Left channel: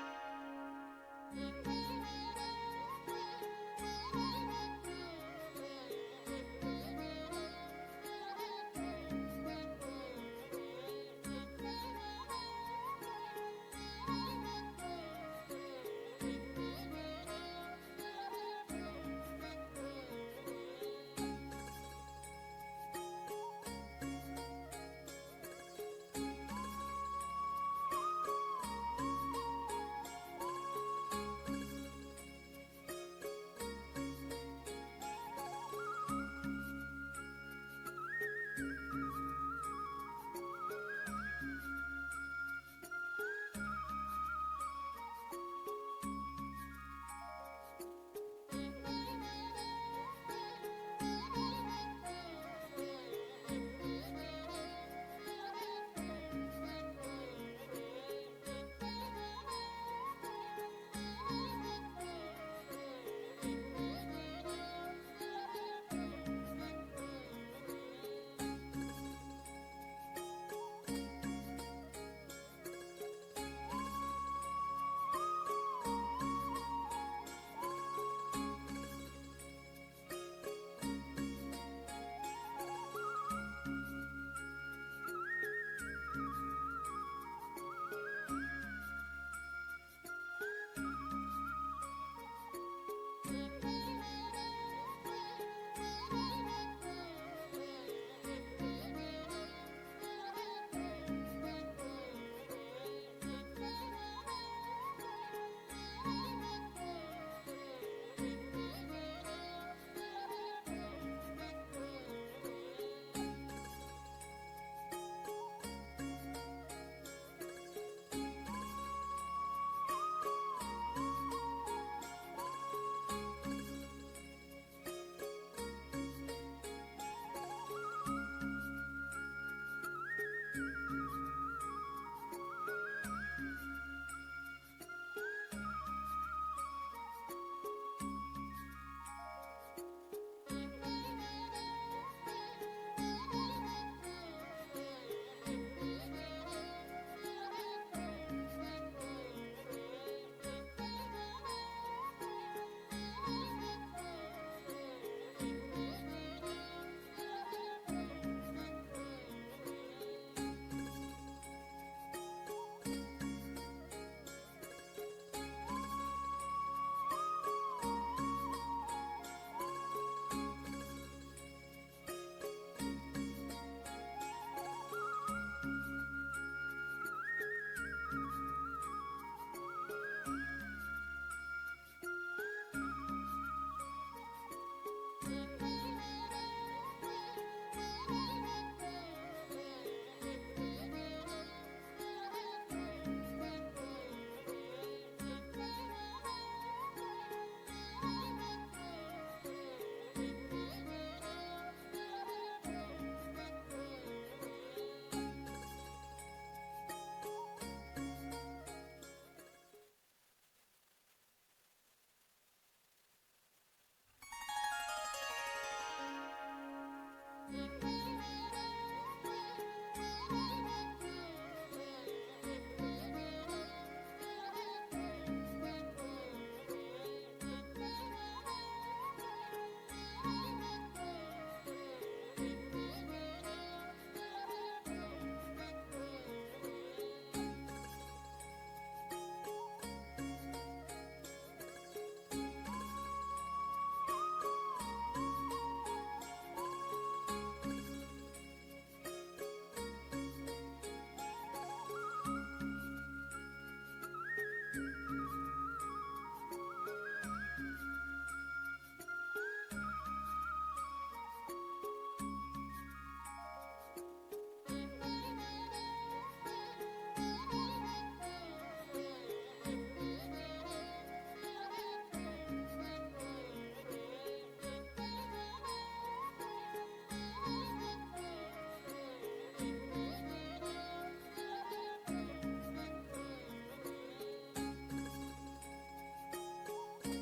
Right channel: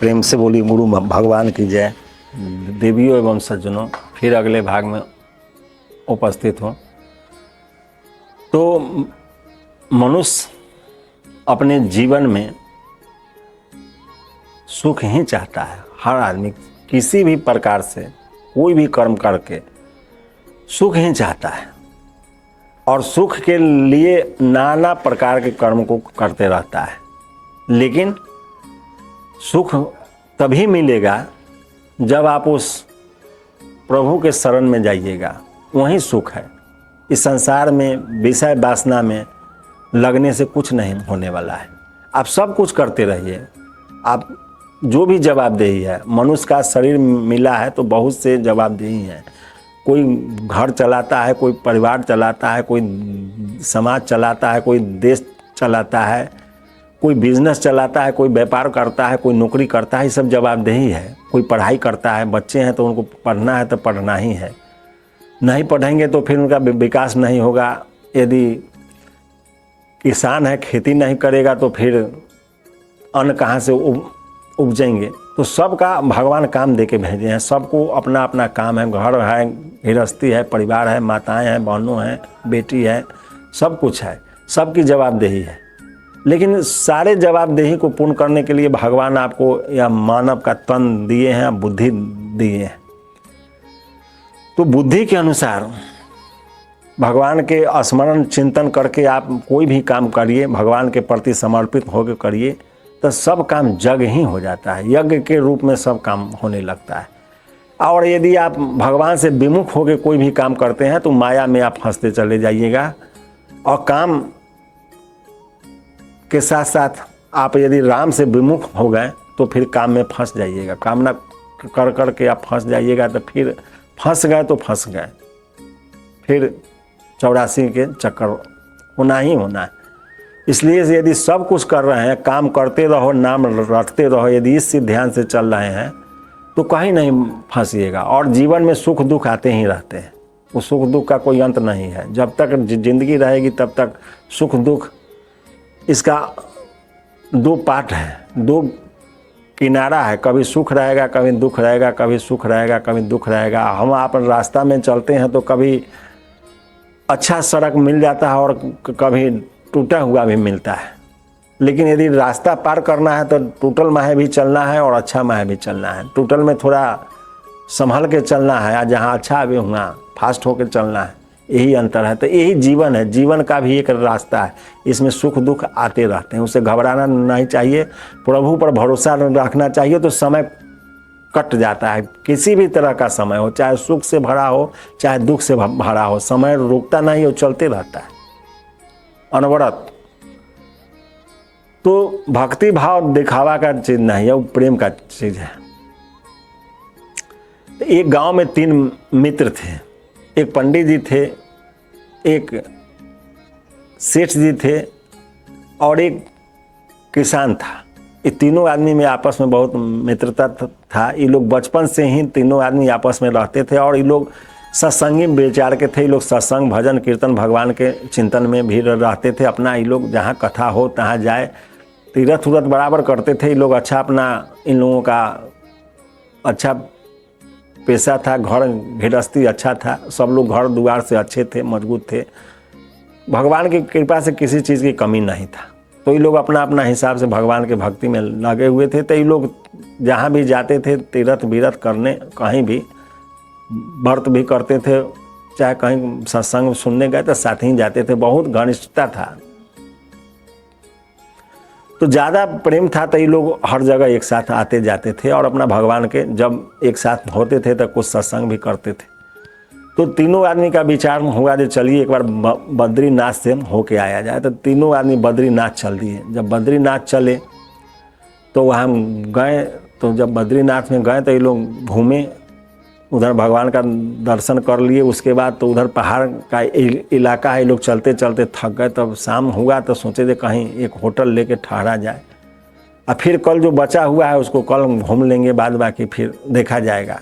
प्रेम से बोली गुरु भगवान की जय। देवियों एवं सज्जनों, फिर अगले भाग में उपस्थित हो। तो मनुष्य अपने जीवन में सुख ही चाहता है। हर आदमी किसी भी प्रकार से कोई भी कर्म करके सुख ही चाहता है और सुख के लिए नाना प्रकार के कर्म को करते रहता है। लेकिन सुख तभी मिलेगा जब आप उस प्रभु के शरण में जाइएगा, वहीं सुख है। इस संसार में विषय वासना में लगने से कुछ नहीं होने वाला है। आप सब कुछ करते रहिए, आप जो भी जवाबदेही है। मनुष्य का शरीर मिला है तो बहुत से जवाबदेही हैं। कोई घर चलाता है, कोई परिवार चलाता है, कोई समाज चलाता है, कोई देश चलाता है, कोई बिजनेस चलाता है, कोई व्यापार करता है, कोई नौकरी करता है। ये सब जवाबदेही है। कोई पढ़ाई करता है, बच्चे हैं तो उनको पढ़ना है तो पढ़ना ही है। नहीं पढ़ेंगे तो फिर उनका विकास नहीं होगा। यदि किसान है, खेती नहीं करेगा तो फिर अन्न कहाँ से उपजेंगे। तो सबका भगवान काम दे के भेजे हैं। सबको अपना अपना काम है। घर है, गृहस्थी है, परिवार है, माताएं हैं, बहनों हैं, बेटी है, सब कुछ है। सबकी जवाबदेही है। लेकिन सारे जवाबदेही को पूर्ण करने के लिए भगवान आपको या मानव का तन दिए हैं, बुद्धि दिए हैं। तो बुद्धि के अनुसार भगवान के स्मरण चिंतन करके आप कोई भी काम करिए, भगवान के प्रति समर्पित होकर करिए, तो सब काम जग ही हो जाता है। यज्ञ के रूप में सब काम होने लगता है। और यदि आप भगवान से विमुख होकर कोई भी काम करते हैं तो माया में आप फंसते चले जाइएगा। और काम के साथ साथ आप यदि राम से विमुख हो गए तो फिर काम में फंस जाइएगा। कामना कर कर के आप फंस जाइएगा तो फिर फंस गए तो फंस गए। फिर 84 के चक्कर होना ही होना है। इसलिए यदि सब कुछ कर रहे हैं, काम करते रहो, नाम रटते रहो, यदि इस ध्यान से चल रहे हैं तो कहीं नहीं फंसिएगा। और जीवन में सुख दुख आते ही रहते हैं। वो सुख दुख का कोई अंत नहीं है। जब तक जिंदगी रहेगी तब तक सुख दुख, इसका दो पार्ट है, दो किनारा है। कभी सुख रहेगा, कभी दुख रहेगा, कभी सुख रहेगा, कभी दुख रहेगा। हम आप रास्ता में चलते हैं तो कभी अच्छा सड़क मिल जाता है और कभी टूटा हुआ भी मिलता है। लेकिन यदि रास्ता पार करना है तो टूटल माहे भी चलना है और अच्छा माहे भी चलना है। टूटल में थोड़ा संभल के चलना है और जहाँ अच्छा भी होगा फास्ट होकर चलना है। यही अंतर है। तो यही जीवन है। जीवन का भी एक रास्ता है। इसमें सुख दुख आते रहते हैं। उसे घबराना नहीं चाहिए। प्रभु पर भरोसा रखना चाहिए तो समय कट जाता है। किसी भी तरह का समय हो, चाहे सुख से भरा हो चाहे दुख से भरा हो, समय रुकता नहीं, वो चलते रहता है अनवरत। तो भक्ति भाव दिखावा का चीज नहीं है, वो प्रेम का चीज है। एक गांव में 3 मित्र थे। एक पंडित जी थे, एक सेठ जी थे और एक किसान था। ये तीनों आदमी में आपस में बहुत मित्रता था। ये लोग बचपन से ही तीनों आदमी आपस में रहते थे और ये लोग सत्संगी विचार के थे। ये लोग सत्संग भजन कीर्तन भगवान के चिंतन में भी रहते थे। अपना ये लोग जहाँ कथा हो तहाँ जाए, तीरथ उरथ बराबर करते थे। ये लोग अच्छा अपना, इन लोगों का अच्छा पेशा था, घर गृहस्थी अच्छा था। सब लोग घर द्वार से अच्छे थे, मजबूत थे। भगवान की कृपा से किसी चीज़ की कमी नहीं था। तो ये लोग अपना अपना हिसाब से भगवान के भक्ति में लगे हुए थे। तो ये लोग जहाँ भी जाते थे तीर्थ बीरथ करने, कहीं भी व्रत भी करते थे, चाहे कहीं सत्संग सुनने गए तो साथ ही जाते थे। बहुत घनिष्ठता था। तो ज़्यादा प्रेम था तो ये लोग हर जगह एक साथ आते जाते थे और अपना भगवान के जब एक साथ होते थे तो कुछ सत्संग भी करते थे। तो तीनों आदमी का विचार हुआ कि चलिए एक बार बद्रीनाथ से होके आया जाए। तो तीनों आदमी बद्रीनाथ चल दिए। जब बद्रीनाथ चले तो वहाँ गए। तो जब बद्रीनाथ में गए तो ये लोग घूमे, उधर भगवान का दर्शन कर लिए। उसके बाद तो उधर पहाड़ का इलाका है। ये लोग चलते चलते थक गए। तब शाम हुआ तो सोचे थे कहीं एक होटल लेके ठहरा जाए और फिर कल जो बचा हुआ है उसको कल घूम लेंगे, बाद बाकी फिर देखा जाएगा।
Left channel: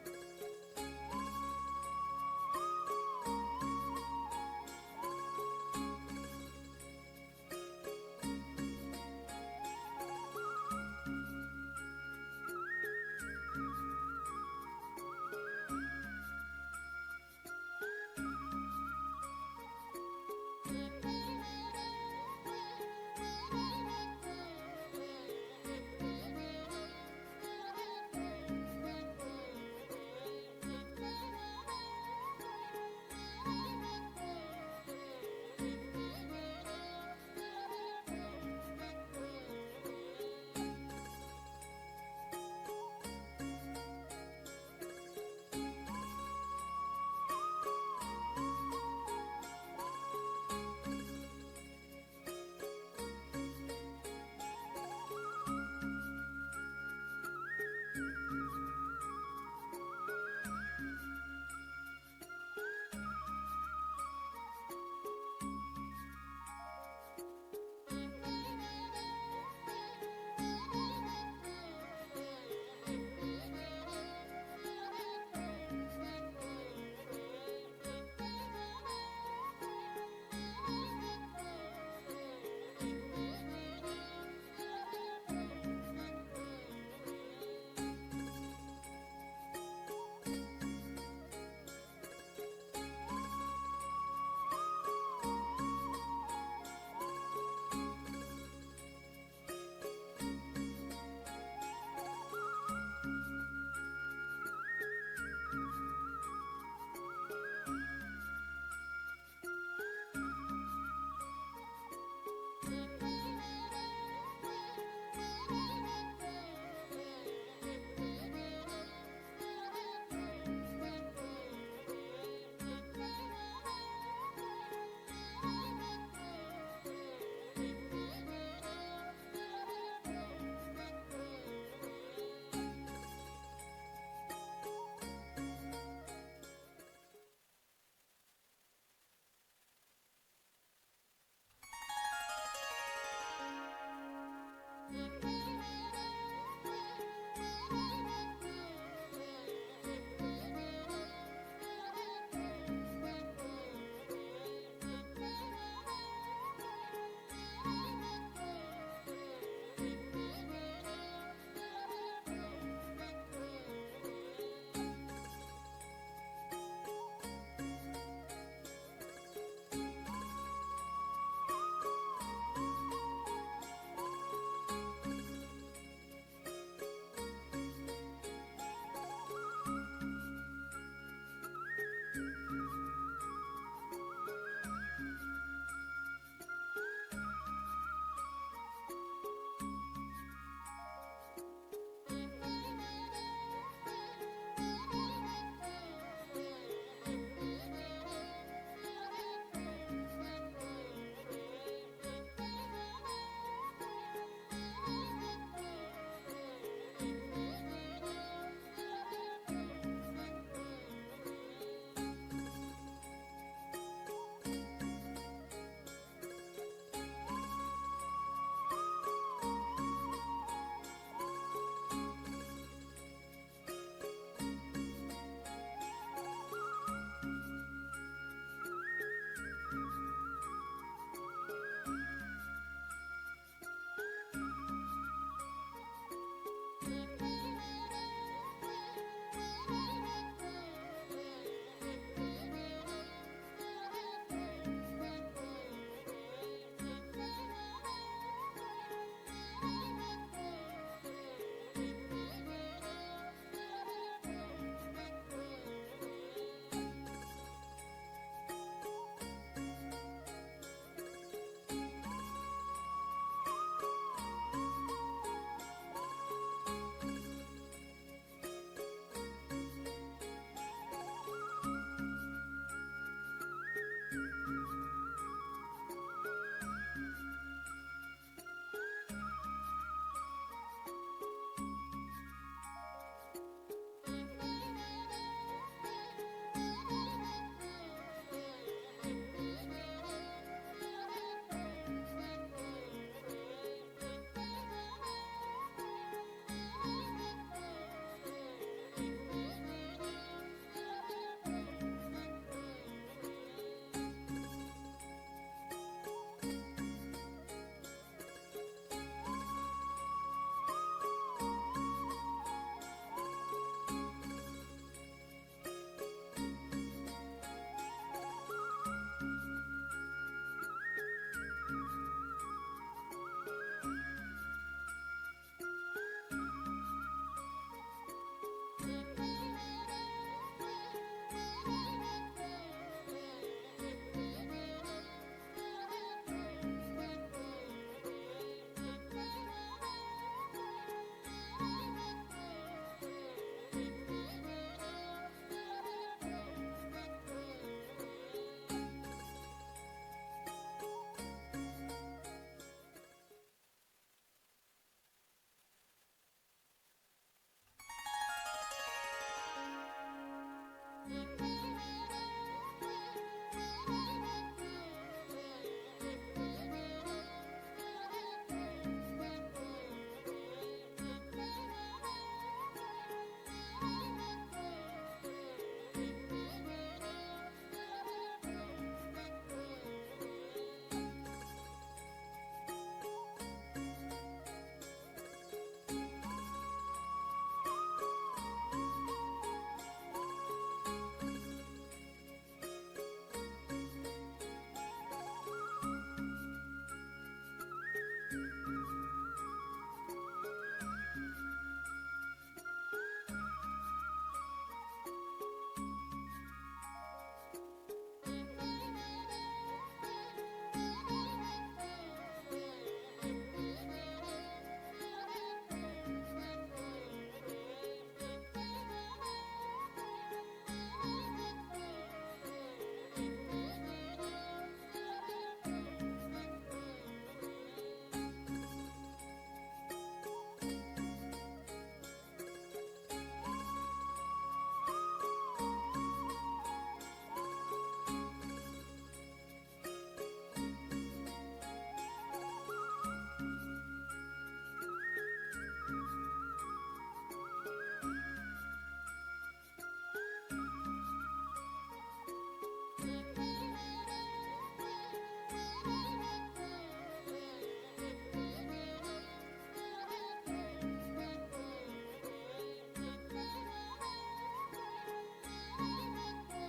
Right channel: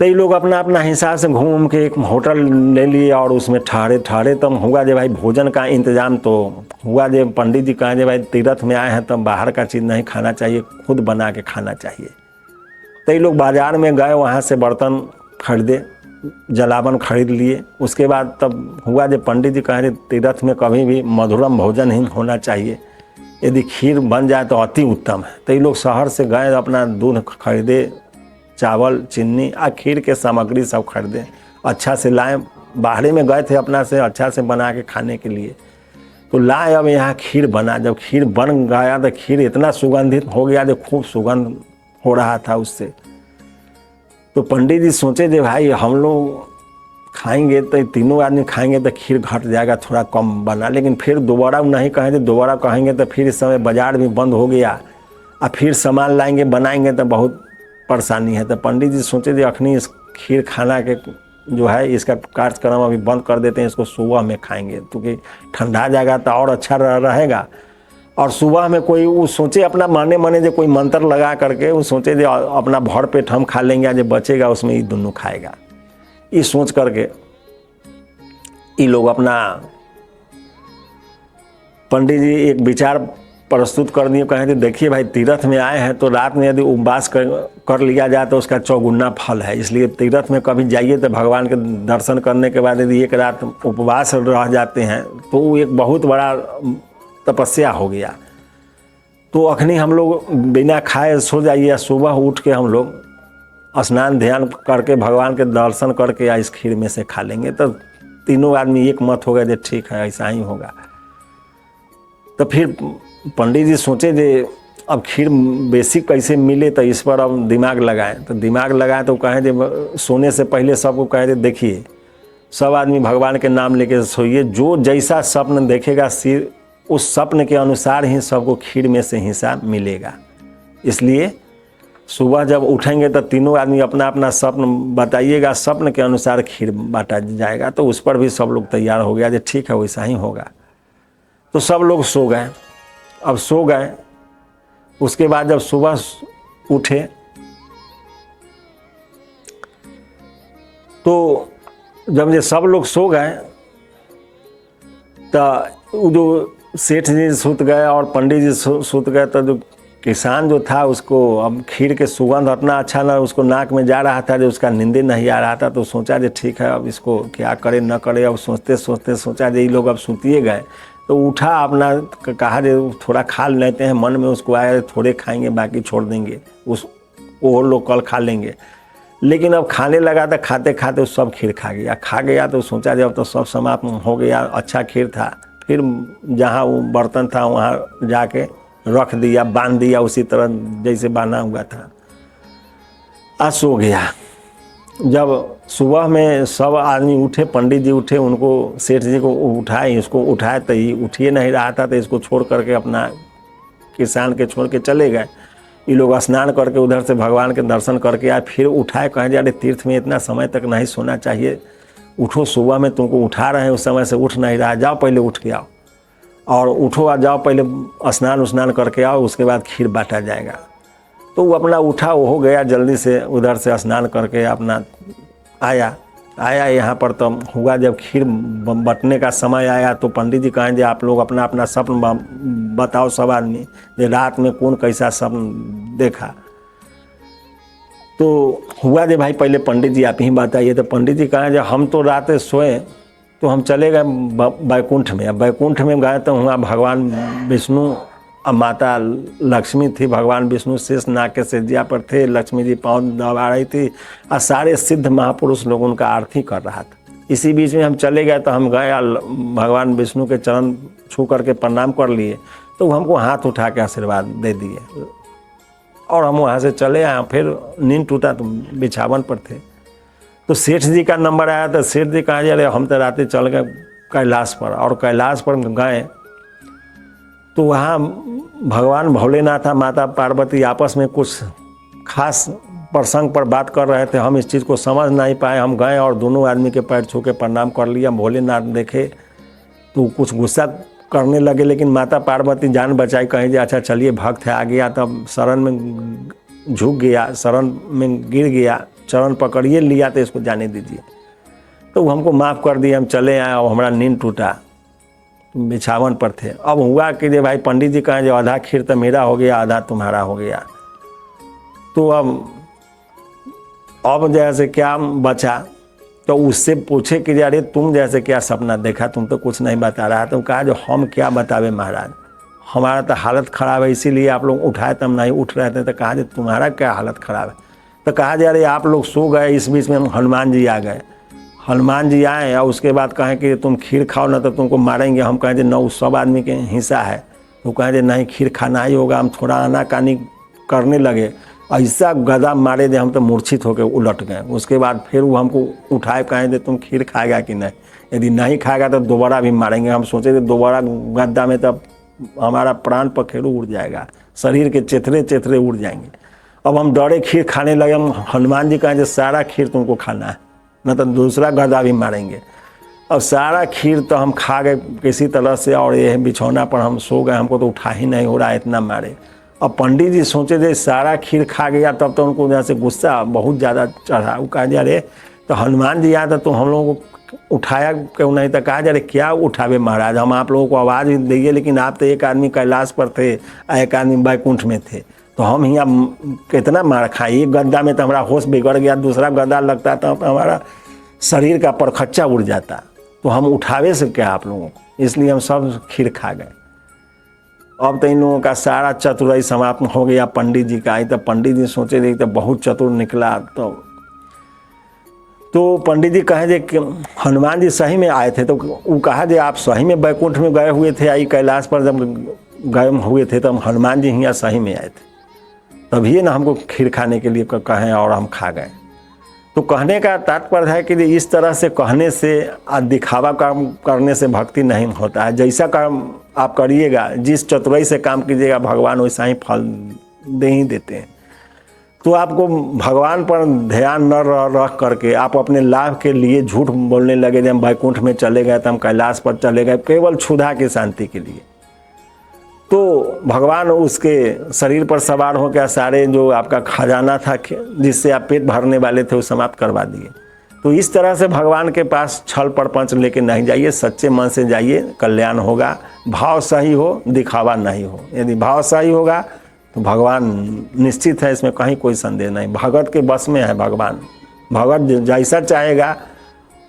तो ये लोग अपना अपना हिसाब से घूम के एक होटल ले लिए और उसमें ठहरे तब हुआ जे भाई भोजन का इंतजाम तो हुआ जे पंडित जी कहा जे भाई तीर्थ में आए हैं तब बाहर का चीज़ नहीं खाना चाहिए, खुद बना के खाना चाहिए। तो ये लोग बाज़ार में गए, वहाँ से बर्तन खरीदे, जलावन खरीद लिए। उसके बाद तब हुआ जब पंडित जी कहे तीर्थ में कभी भी मधुरम भोजन ही होना चाहिए, यदि खीर बन जाए तो अति उत्तम है। तो ये लोग शहर से गए, अपना दूध खरीदे, चावल, चीनी आ खीर के सामग्री सब खरीदे, अच्छा से लाए। बाहर में गए थे अपना से अच्छा से बना के खाने के लिए, तो लाए। अब यहाँ खीर बना, जब खीर बन गया तो खीर इतना सुगंधित हो गया जो खूब सुगंध हो रहा था उससे। तो पंडित जी सोचे जे भाई हम लोग खाएंगे तो तीनों आदमी खाएंगे तो खीर घट जाएगा, थोड़ा कम बना। लेकिन फिर दोबारा नहीं कहेंगे, दोबारा कहेंगे तो फिर इस समय बाजार भी बंद हो गया और फिर सामान लाएंगे बनाएंगे तो बहुत परेशानी है। तो पंडित जी सोचे जे अखनी इस खीर खाना के जो है इसका कार्यक्रम अभी बंद कर देते हैं, इसको सुबह में खाएंगे क्योंकि ठंडा जाएगा तो और अच्छा रहेगा। और सुबह में कोई वो सोचे अपना माने जो कोई मंत्र लगा करके वो सोचे जो अपना भर पेट हम खा लेंगे, जो बचेगा उसमें ये दोनों खाएगा। ये सोच करके ये लोग अपना पंडित जी एक विचार प्रस्तुत कर दिए, कहें कि देखिए भाई तीर्थ में आए हैं तो रात में यदि उपवास कर लिया जाए तो उसका चौगुना फल है। इसलिए तीर्थ में कभी जाइए तो भगवान के दर्शन करने के बाद यदि एक रात उपवास रह जाते हैं तो वो एक बहुत बड़ा तपस्या हो गया। तो अखनी हम लोग बिना खाए सो जाइए, सुबह उठ के हम लोग स्नान ध्यान करके भगवान के दर्शन करके या इस खीर में से खा लेंगे। तो तीनों आदमी एक मत हो गए जो ठीक है ऐसा ही होगा। तो फिर पंडित जी सोचे जे अब खीर बेसिक कैसे मिले तो इस पर अब दिमाग लगाएं। तो दिमाग लगाएं तो कहें जे सोने से पहले सबको कहें जे देखिए सब आदमी भगवान के नाम लेके सोइए, जो जैसा स्वप्न देखेगा सिर उस स्वप्न के अनुसार ही सबको खीर में से हिस्सा मिलेगा। इसलिए सुबह जब उठेंगे तो तीनों आदमी अपना अपना स्वप्न बताइएगा, स्वप्न के अनुसार खीर बांटा जाएगा। तो उस पर भी सब लोग तैयार हो गया जो ठीक है वैसा ही होगा। तो सब लोग सो गए। अब सो गए, उसके बाद जब सुबह उठे तो जब ये सब लोग सो गए तो जो सेठ जी सुत गए और पंडित जी सुत गए, तो जो किसान जो था उसको अब खीर के सुगंध इतना अच्छा ना उसको नाक में जा रहा था जो उसका नींदे नहीं आ रहा था। तो सोचा जे ठीक है अब इसको क्या करे न करे। अब सोचते सोचते सोचा जे ये लोग अब सुतिए गए तो उठा, अपना कहा जे थोड़ा खा लेते हैं, मन में उसको आया थोड़े खाएंगे बाकी छोड़ देंगे, वो लोग कल खा लेंगे। लेकिन अब खाने लगा तो खाते खाते सब खीर खा गया। तो सोचा जब तो सब समाप्त हो गया, अच्छा खीर था। फिर जहाँ वो बर्तन था वहाँ जाके रख दिया, बांध दिया उसी तरह जैसे बांधा हुआ था, आ सो गया। जब सुबह में सब आदमी उठे, पंडित जी उठे, उनको सेठ जी को उठाए, इसको उठाए तो ये उठिए नहीं रहा था। तो इसको छोड़ करके अपना किसान के छोड़ के चले गए। ये लोग स्नान करके उधर से भगवान के दर्शन करके आए। फिर उठाए, कहें जा रहे तीर्थ में इतना समय तक नहीं सोना चाहिए, उठो, सुबह में तुमको उठा रहे हैं उस समय से उठ नहीं रहा, जाओ पहले उठ के आओ और उठो आ जाओ पहले स्नान करके आओ, उसके बाद खीर बांटा जाएगा। तो वो अपना उठा, वो हो गया जल्दी से, उधर से स्नान करके अपना आया यहाँ पर। तो हुआ जब खीर बंटने का समय आया तो पंडित जी कहें आप लोग अपना अपना स्वप्न बताओ, सब आदमी जे रात में कौन कैसा स्वप्न देखा। तो हुआ जे भाई पहले पंडित जी आप ही बताइए। तो पंडित जी कहें जब हम तो रात सोए तो हम चले गए बैकुंठ में। अब बैकुंठ में गए तो वहाँ भगवान विष्णु अब माता लक्ष्मी थी, भगवान विष्णु शेष नाग के सेजिया पर थे, लक्ष्मी जी पाँव दबा रही थी और सारे सिद्ध महापुरुष लोग उनका आरती कर रहा था। इसी बीच में हम चले गए तो हम गए भगवान विष्णु के चरण छू करके प्रणाम कर लिए। तो हमको हाथ उठा के आशीर्वाद दे दिए और हम वहाँ से चले आए। फिर नींद टूटा तो बिछावन पर थे। तो सेठ जी का नंबर आया तो सेठ जी कहा जा रहे हम तो रात चल गए कैलाश पर। और कैलाश पर गए तो वहाँ भगवान भोलेनाथ माता पार्वती आपस में कुछ खास प्रसंग पर बात कर रहे थे। हम इस चीज़ को समझ नहीं पाए। हम गए और दोनों आदमी के पैर छू के प्रणाम कर लिया। भोलेनाथ देखे तो कुछ गुस्सा करने लगे, लेकिन माता पार्वती जान बचाई, कहीं जे अच्छा चलिए भक्त है आ गया, तब शरण में झुक गया, शरण में गिर गया, चरण पकड़िए लिया तो इसको जाने दीजिए। तो वो हमको माफ़ कर दिए, हम चले आए और हमारा नींद टूटा, बिछावन पर थे। अब हुआ कि जे भाई पंडित जी कहें जो आधा खीर तो मेरा हो गया, आधा तुम्हारा हो गया। तो अब जैसे क्या बचा, तो उससे पूछे कि अरे तुम जैसे क्या सपना देखा, तुम तो कुछ नहीं बता रहा। तो कहा जो हम क्या बतावे महाराज, हमारा तो हालत ख़राब है, इसीलिए आप लोग उठाए तो हम नहीं उठ रहे थे। तो कहा जो तुम्हारा क्या हालत ख़राब है। तो कहा जा अरे आप लोग सो गए, इस बीच में हनुमान जी आ गए। हनुमान जी आए और उसके बाद कहें कि तुम खीर खाओ ना तो तुमको मारेंगे। हम कहें जो नौ सब आदमी के हिस्सा है। तो कहें जो नहीं खीर खाना ही होगा। हम थोड़ा आनाकानी करने लगे, ऐसा गदा मारे दे हम तो मूर्छित होकर उलट गए। उसके बाद फिर वो हमको उठाए, कहें जो तुम खीर खाएगा कि नहीं, यदि नहीं खाएगा तो दोबारा भी मारेंगे। हम सोचे थे दोबारा गद्दा में तब हमारा प्राण पखेरु उड़ जाएगा, शरीर के चेथरे चेथरे उड़ जाएंगे। अब हम डरे खीर खाने लगे। हम हनुमान जी कहें जो सारा खीर तुमको खाना है, न तो दूसरा गदा भी मारेंगे। और सारा खीर तो हम खा गए किसी तरह से, और ये बिछौना पर हम सो गए, हमको तो उठा ही नहीं हो रहा इतना मारे। अब पंडित जी सोचे जे सारा खीर खा गया, तब तो उनको जैसे गुस्सा बहुत ज़्यादा चढ़ा। वो कहा जा रहे तो हनुमान जी आया तो हम लोगों को उठाया क्यों नहीं। तो कहा जा रहे क्या उठावे महाराज, हम आप लोगों को आवाज़ भी दिए, लेकिन आप तो एक आदमी कैलाश पर थे, एक आदमी बैकुंठ में थे, तो हम यहाँ कितना मार खाए। एक गद्दा में तो हमारा होश बिगड़ गया, दूसरा गद्दा लगता तो हमारा शरीर का परखच्चा उड़ जाता। तो हम उठावे से क्या आप लोगों को, इसलिए हम सब खीर खा गए। अब तो इन लोगों का सारा चतुराई समाप्त हो गया पंडित जी का। तो पंडित जी सोचे थे तो बहुत चतुर निकला। तो पंडित जी कहे जे कि हनुमान जी सही में आए थे। तो वो कहा जे आप सही में बैकुंठ में गए हुए थे, आई कैलाश पर जब गए हुए थे, तो हम हनुमान जी यहाँ सही में आए थे, तभी ना हमको खीर खाने के लिए कहें और हम खा गए। तो कहने का तात्पर्य है कि इस तरह से कहने से दिखावा काम करने से भक्ति नहीं होता है। जैसा काम आप करिएगा, जिस चतुराई से काम कीजिएगा, भगवान वैसा ही फल दे ही देते हैं। तो आपको भगवान पर ध्यान न रख करके आप अपने लाभ के लिए झूठ बोलने लगे। जब हम बैकुंठ में चले गए तो हम कैलाश पर चले गए केवल क्षुधा की शांति के लिए, तो भगवान उसके शरीर पर सवार हो गया, सारे जो आपका खजाना था जिससे आप पेट भरने वाले थे वो समाप्त करवा दिए। तो इस तरह से भगवान के पास छल प्रपंच लेके नहीं जाइए, सच्चे मन से जाइए, कल्याण होगा। भाव सही हो, दिखावा नहीं हो। यदि भाव सही होगा तो भगवान निश्चित है, इसमें कहीं कोई संदेह नहीं। भगत के बस में है भगवान। भगत जैसा चाहेगा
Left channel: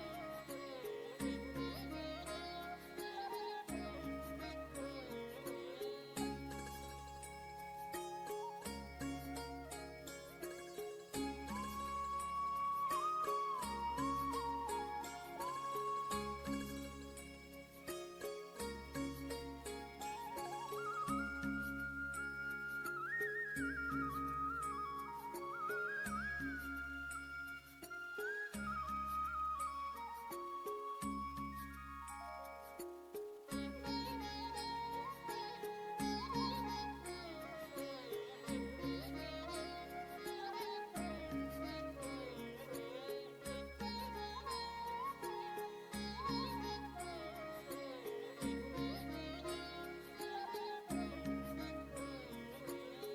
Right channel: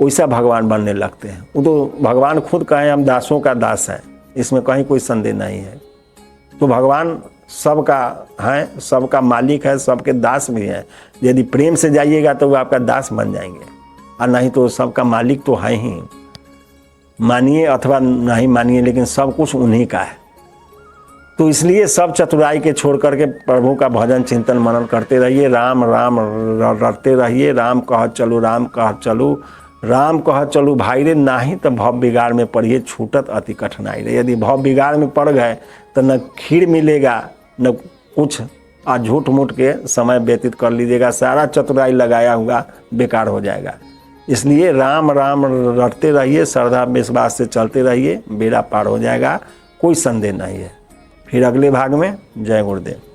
वैसा भगवान बनने लगते हैं। वो तो भगवान खुद कहें हम दासों का दास है, इसमें कहीं कोई संदेह नहीं है। तो भगवान सबका है, सबका मालिक है, सबके दास भी है। यदि प्रेम से जाइएगा तो वो आपका दास बन जाएंगे, और नहीं तो सबका मालिक तो है ही। मानिए अथवा नहीं मानिए, लेकिन सब कुछ उन्हीं का है। तो इसलिए सब चतुराई के छोड़ करके प्रभु का भजन चिंतन मनन करते रहिए। राम राम रटते रहिए। राम कह चलू, राम कह चलू, राम कह चलू भाई रे, नाही तो भव बिगाड़ में पड़िए, छूटत अति कठिनाई रे। यदि भव बिगाड़ में पड़ गए तो न खीर मिलेगा न कुछ, और झूठ मूठ के समय व्यतीत कर लीजिएगा, सारा चतुराई लगाया हुआ बेकार हो जाएगा। इसलिए राम राम रटते रहिए, श्रद्धा विश्वास से चलते रहिए, बेड़ा पार हो जाएगा, कोई संदेह नहीं है। फिर अगले भाग में जय गुरुदेव।